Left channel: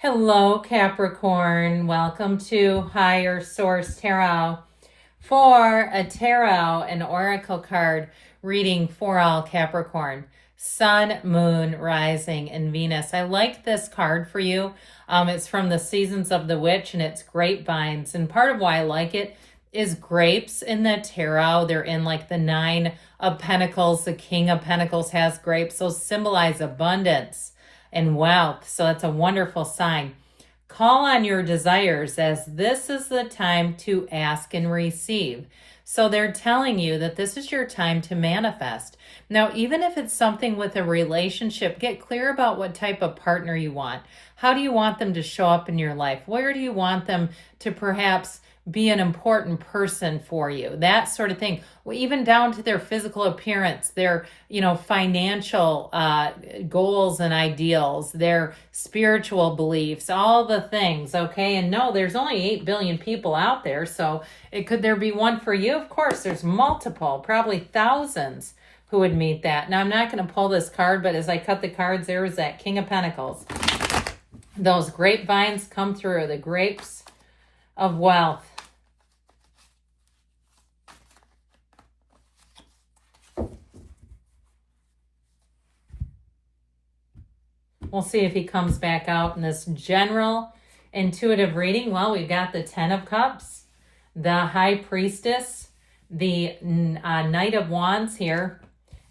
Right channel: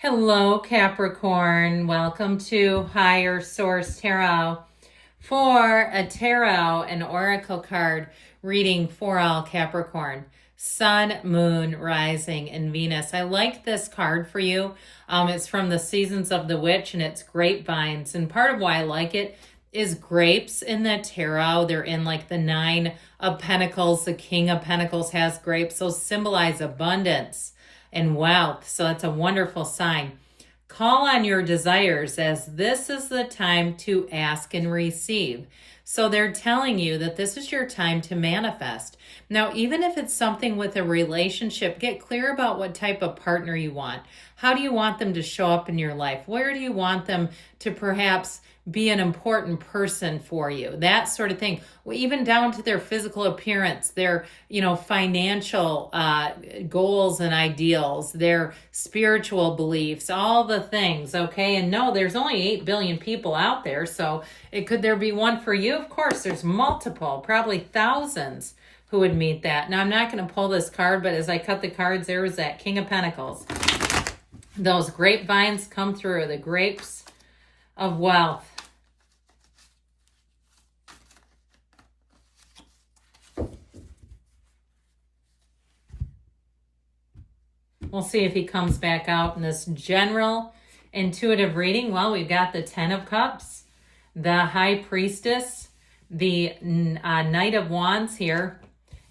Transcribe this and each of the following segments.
Hello, Capricorn. Welcome to Higher Source Tarot for a tarot and oracle card reading for all Capricorn. Sun, Moon, Rising, and Venus. I like this card for you. It's from the Seasons of the Witch, and it's grapevines. And part of why I like it is grapes in the tarot. They're in like the Nine of Pentacles. The King of Pentacles has grapes. Those symbolize abundance and wealth. So it's a wonderful sign. Call on your desires, as this is the time to ask and receive. So they're telling you that this is your time to manifest. Now, even if it's something with a relationship, get clear about what type of partner you want. How do you want them to show up in your life? Where do you want them to perhaps be an important person for you? That sort of thing. Well, even down to their physical appearance, their, financial goals and ideals, their spiritual beliefs, all the things, okay? And no, there's only 8 billion people out there, so could there be one for you? Of course, there's multiple, probably thousands who would meet that. Now, I'm not going to pull this card, but as I cut the cards, there was that King of Pentacles. Those grapevines come through, the grapes of wealth. We'll see if he comes back out in this general intuitive reading. Well, we've got the Ten of Cups, the High Priestess, the Knight of Wands here,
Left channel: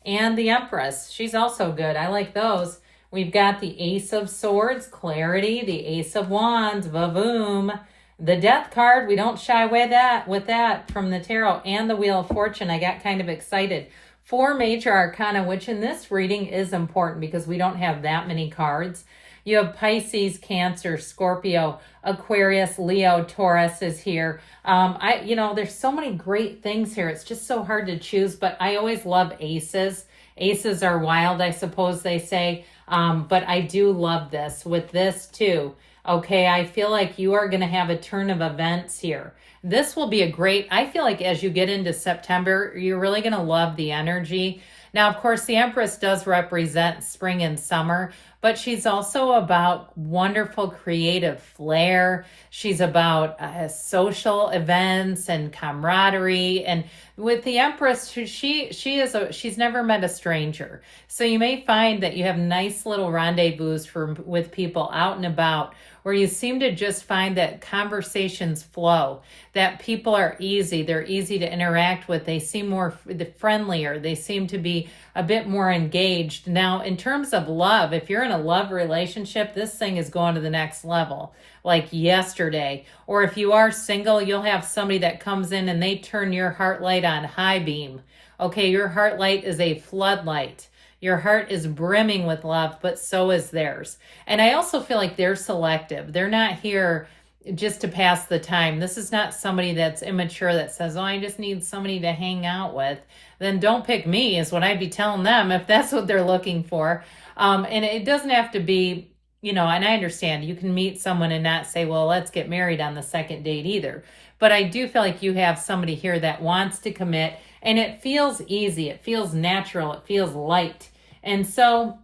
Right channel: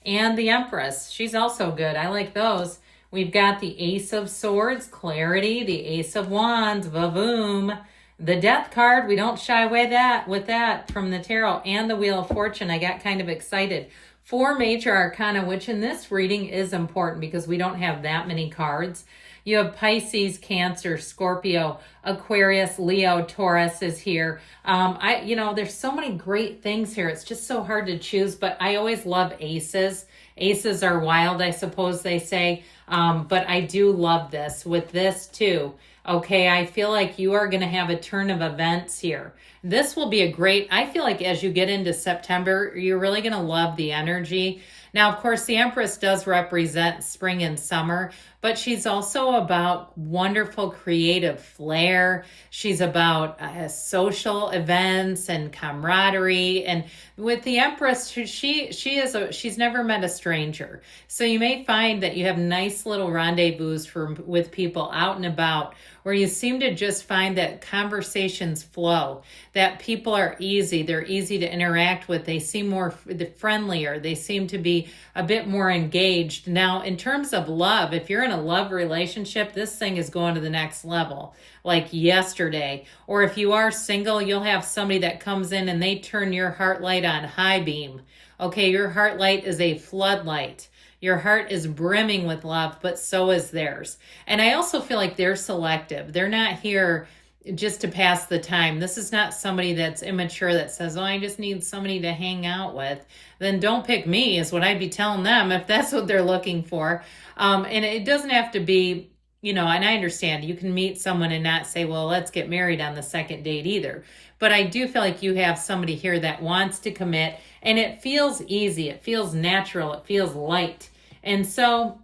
and the Empress. She's also good. I like those. We've got the Ace of Swords, Clarity, the Ace of Wands, Vavoom, the Death card. We don't shy away with that from the tarot, and the Wheel of Fortune. I got kind of excited. 4 major arcana, which in this reading is important because we don't have that many cards. You have Pisces, Cancer, Scorpio, Aquarius, Leo, Taurus is here. There's so many great things here. It's just so hard to choose, but I always love aces. Aces are wild, I suppose they say. But I do love this with this too. Okay, I feel like you are going to have a turn of events here. This will be I feel like as you get into September, you're really going to love the energy. Now, of course, the Empress does represent spring and summer, but she's also about wonderful creative flair. She's about social events and camaraderie. And with the Empress, she's never met a stranger. So you may find that you have nice little rendezvous with people out and about, where you seem to just find that conversations flow, that people are easy. They're easy to interact with. They seem more friendlier. They seem to be a bit more engaged. Now, in terms of love, if you're in a love relationship, this thing is going to the next level, like yesterday. Or if you are single, you'll have somebody that comes in and they turn your heart light on high beam. Okay, your heart light is a floodlight. Your heart is brimming with love, but so is theirs. And I also feel like they're selective. They're not here just to pass the time. This is not somebody that's immature that says, oh, I just need somebody to hang out with. Then don't pick me is what I'd be telling them if that's what they're looking for. And it doesn't have to be, and I understand you can meet someone and not say, well, let's get married on the second date either. But I do feel like you have somebody here that wants to commit, and it feels easy. It feels natural. It feels light. And so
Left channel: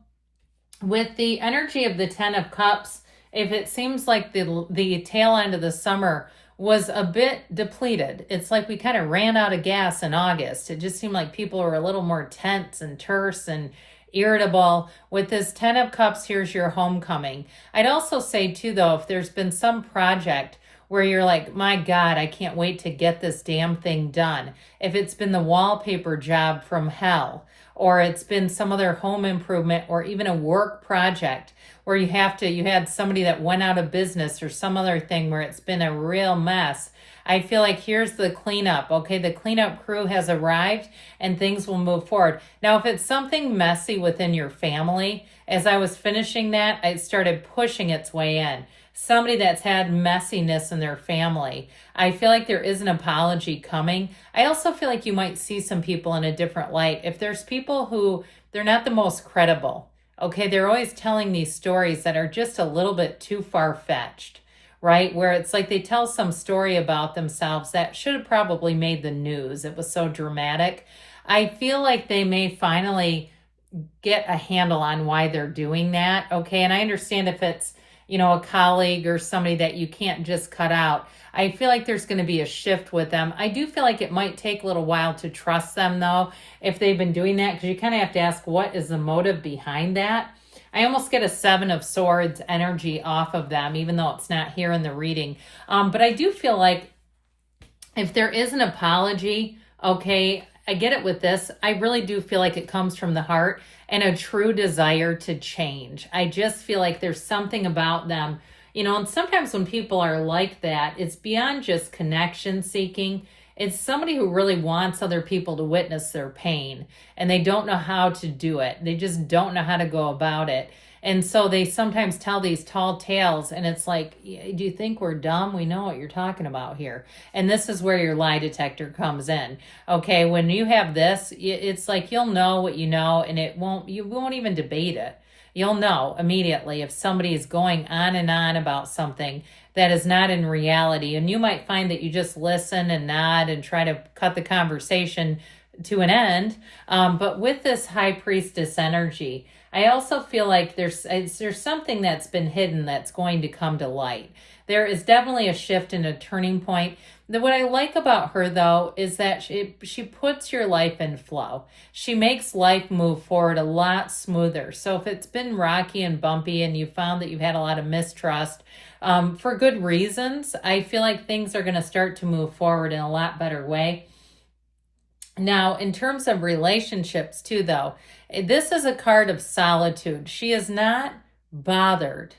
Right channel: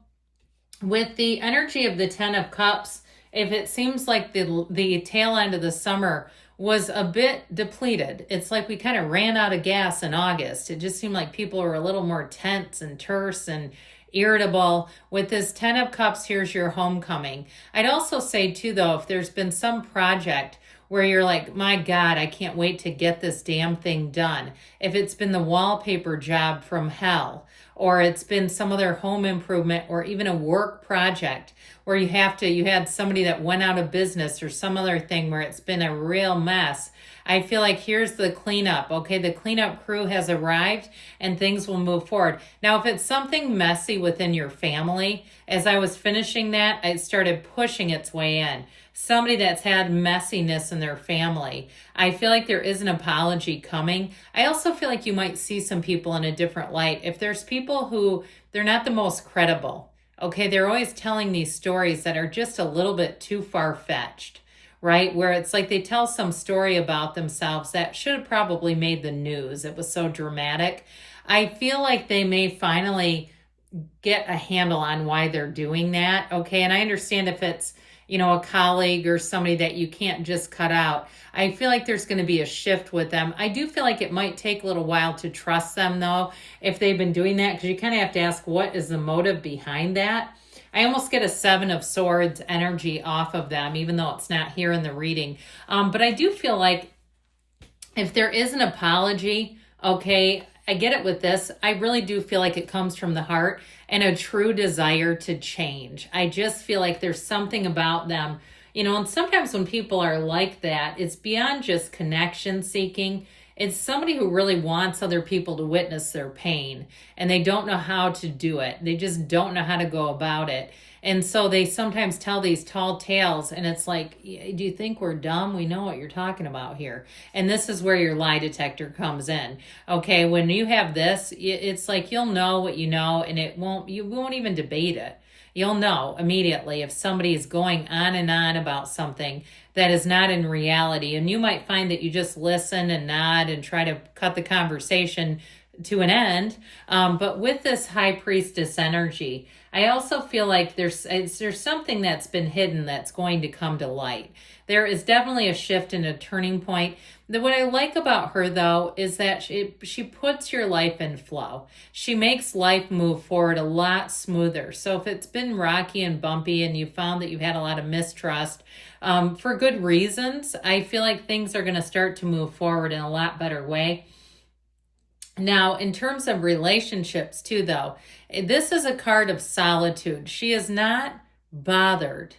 with the energy of the Ten of Cups, if it seems like the tail end of the summer was a bit depleted, it's like we kind of ran out of gas in August. It just seemed like people were a little more tense and terse and irritable. With this Ten of Cups, here's your homecoming. I'd also say too, though, if there's been some project where you're like, my God, I can't wait to get this damn thing done. If it's been the wallpaper job from hell, or it's been some other home improvement, or even a work project where you had somebody that went out of business or some other thing where it's been a real mess. I feel like here's the cleanup. Okay, the cleanup crew has arrived and things will move forward. Now, if it's something messy within your family, as I was finishing that, it started pushing its way in. Somebody that's had messiness in their family, I feel like there is an apology coming. I also feel like you might see some people in a different light. If there's people who, they're not the most credible, okay, they're always telling these stories that are just a little bit too far-fetched, right? Where it's like they tell some story about themselves that should have probably made the news. It was so dramatic. I feel like they may finally get a handle on why they're doing that, okay? And I understand if it's a colleague or somebody that you can't just cut out. I feel like there's going to be a shift with them. I do feel like it might take a little while to trust them, though, if they've been doing that, because you kind of have to ask, what is the motive behind that? I almost get a 7 of Swords energy off of them, even though it's not here in the reading. But I do feel like if there is an apology, okay, I get it with this. I really do feel like it comes from the heart and a true desire to change. I just feel like there's something about them, and sometimes when people are like that, it's beyond just connection seeking. It's somebody who really wants other people to witness their pain, and they don't know how to do it. They just don't know how to go about it. And so they sometimes tell these tall tales, and it's like, do you think we're dumb? We know what you're talking about here. And this is where your lie detector comes in. Okay, when you have this, it's like you'll know what you know, and you won't even debate it. You'll know immediately if somebody is going on and on about something that is not in reality. And you might find that you just listen and nod and try to cut the conversation to an end. But with this High Priestess energy, I also feel like there's something that's been hidden that's going to come to light. There is definitely a shift and a turning point. What I like about her, though, is that she puts your life in flow. She makes life move forward a lot smoother. So if it's been rocky and bumpy and you found that you've had a lot of mistrust, for good reasons, I feel like things are going to start to move forward in a lot better way. Now, in terms of relationships, too, though, this is a card of solitude. She is not bothered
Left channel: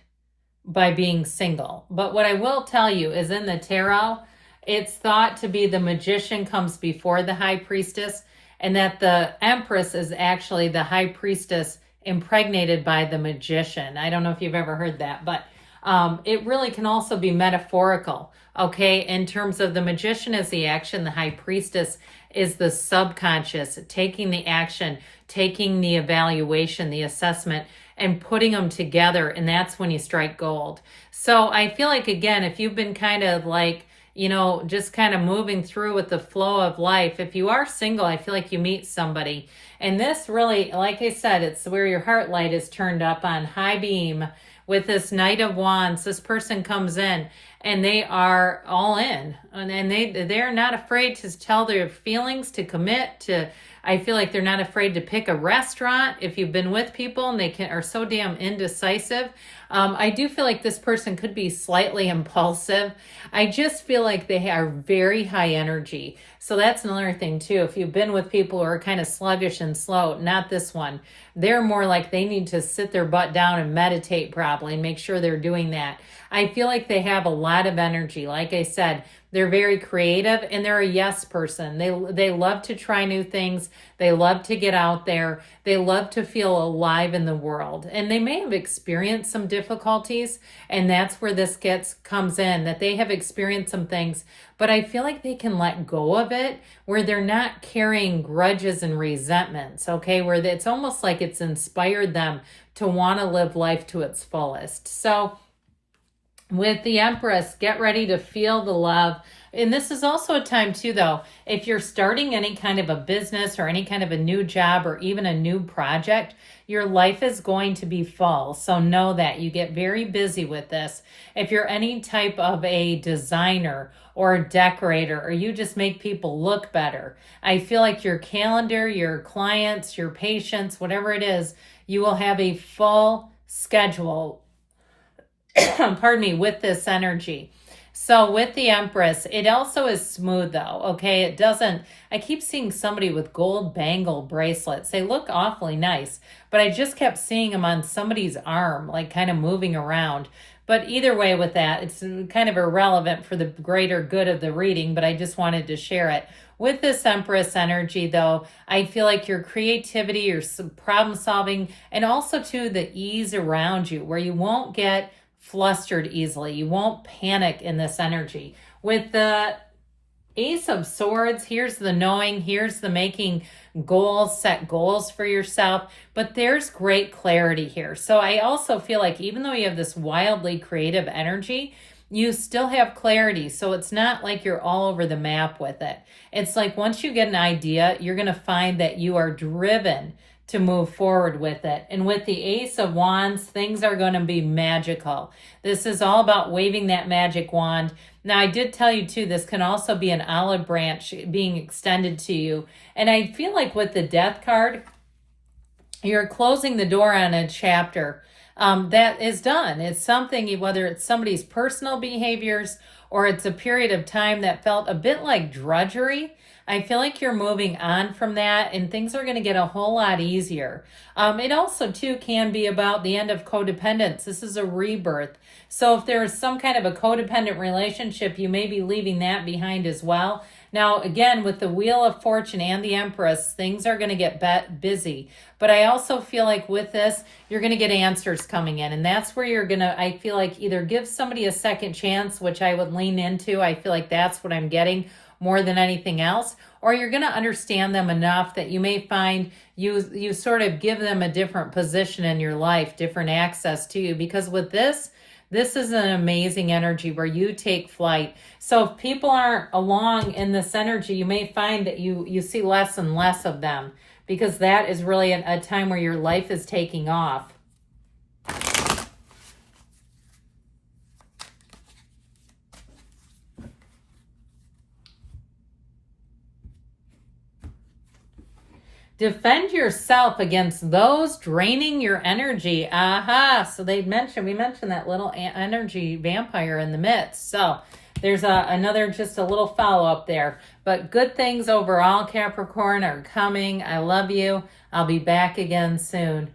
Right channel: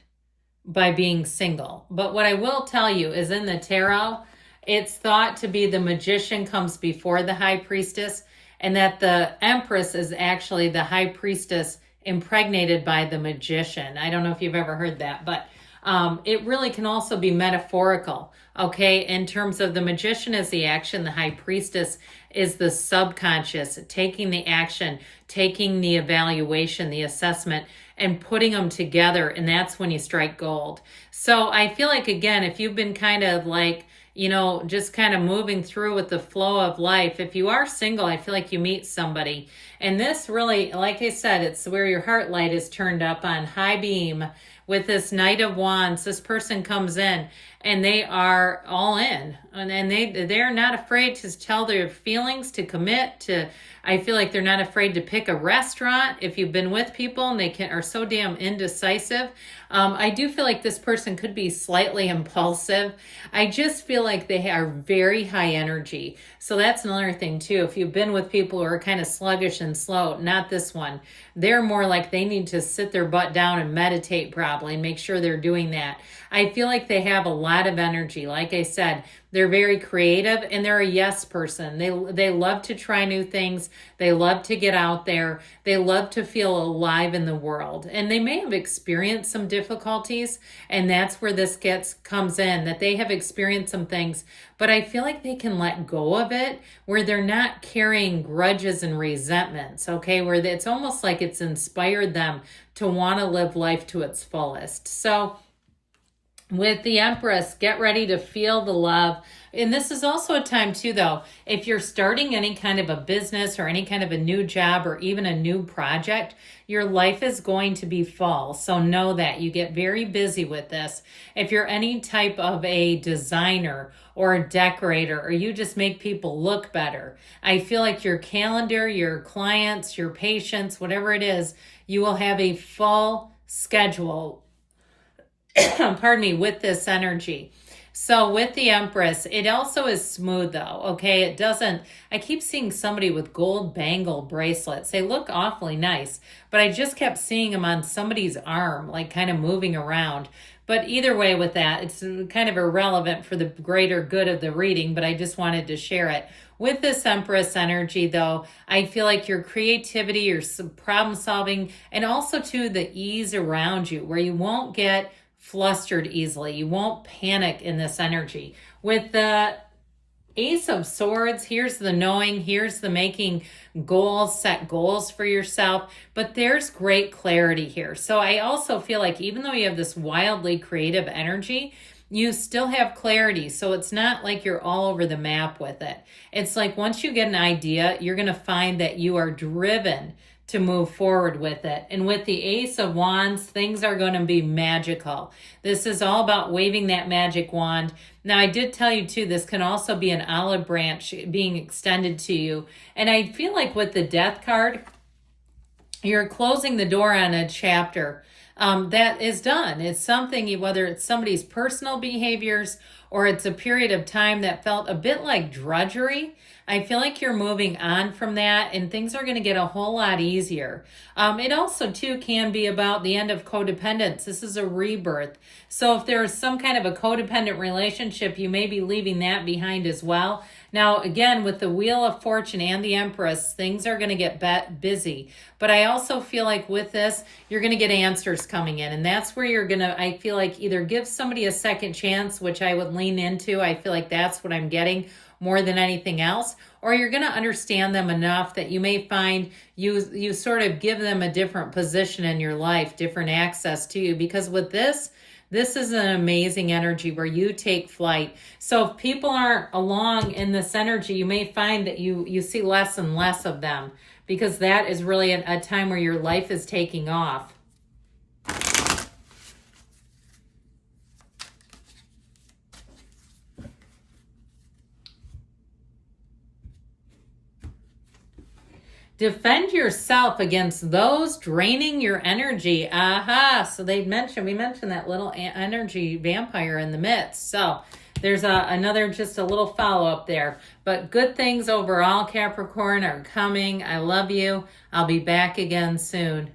by being single. But what I will tell you is in the tarot, it's thought to be the Magician comes before the High Priestess, and that the Empress is actually the High Priestess impregnated by the Magician. I don't know if you've ever heard that, but it really can also be metaphorical, okay? In terms of the Magician is the action, the High Priestess is the subconscious, taking the action, taking the evaluation, the assessment, and putting them together, and that's when you strike gold. So I feel like, again, if you've been kind of like, just kind of moving through with the flow of life, if you are single, I feel like you meet somebody. And this really, like I said, it's where your heart light is turned up on high beam with this Knight of Wands. This person comes in and they are all in, and they're not afraid to tell their feelings, to commit to. I feel like they're not afraid to pick a restaurant if you've been with people and they are so damn indecisive. I do feel like this person could be slightly impulsive. I just feel like they are very high energy. So that's another thing too. If you've been with people who are kind of sluggish and slow, not this one. They're more like they need to sit their butt down and meditate probably and make sure they're doing that. I feel like they have a lot of energy. Like I said, they're very creative and they're a yes person. They love to try new things. They love to get out there. They love to feel alive in the world. And they may have experienced some difficulties, and that's where this comes in, that they have experienced some things, but I feel like they can let go of it, where they're not carrying grudges and resentments, okay? Where it's almost like it's inspired them to want to live life to its fullest. So with the Empress, get ready to feel the love. And this is also a time too, though, if you're starting any kind of a business or any kind of a new job or even a new project, your life is going to be full. So know that you get very busy with this. If you're any type of a designer or a decorator, or you just make people look better, I feel like your calendar, your clients, your patients, whatever it is, you will have a full schedule pardon me, with this energy. So with the Empress, it also is smooth though, okay? It doesn't, I keep seeing somebody with gold bangle bracelets. They look awfully nice, but I just kept seeing them on somebody's arm, like kind of moving around. But either way with that, it's kind of irrelevant for the greater good of the reading, but I just wanted to share it. With this Empress energy, though, I feel like your creativity, your problem solving, and also too the ease around you, where you won't get flustered easily. You won't panic in this energy. With the Ace of Swords, here's the knowing, here's the making goals, set goals for yourself, but there's great clarity here. So I also feel like even though you have this wildly creative energy, you still have clarity. So it's not like you're all over the map with it. It's like once you get an idea, you're going to find that you are driven to move forward with it. And with the Ace of Wands, things are going to be magical. This is all about waving that magic wand. Now, I did tell you too, this can also be an olive branch being extended to you. And I feel like with the Death card, you're closing the door on a chapter that is done. It's something, whether it's somebody's personal behaviors or it's a period of time that felt a bit like drudgery. I feel like you're moving on from that and things are going to get a whole lot easier. It also, too, can be about the end of codependence. This is a rebirth. So if there is some kind of a codependent relationship, you may be leaving that behind as well. Now, again, with the Wheel of Fortune and the Empress, things are going to get busy. But I also feel like with this, you're going to get answers coming in. And that's where you're going to, I feel like, either give somebody a second chance, which I would lean into. I feel like that's what I'm getting more than anything else. Or you're going to understand them enough that you may find you sort of give them a different position in your life, different access to you. Because with this is an amazing energy where you take flight. So if people aren't along in this energy, you may find that you see less and less of them, because that is really a time where your life is taking off. Defend yourself against those draining your energy. Aha. So we mentioned that little energy vampire in the midst. So there's another, just a little follow-up there. But good things overall, Capricorn, are coming. I love you. I'll be back again soon.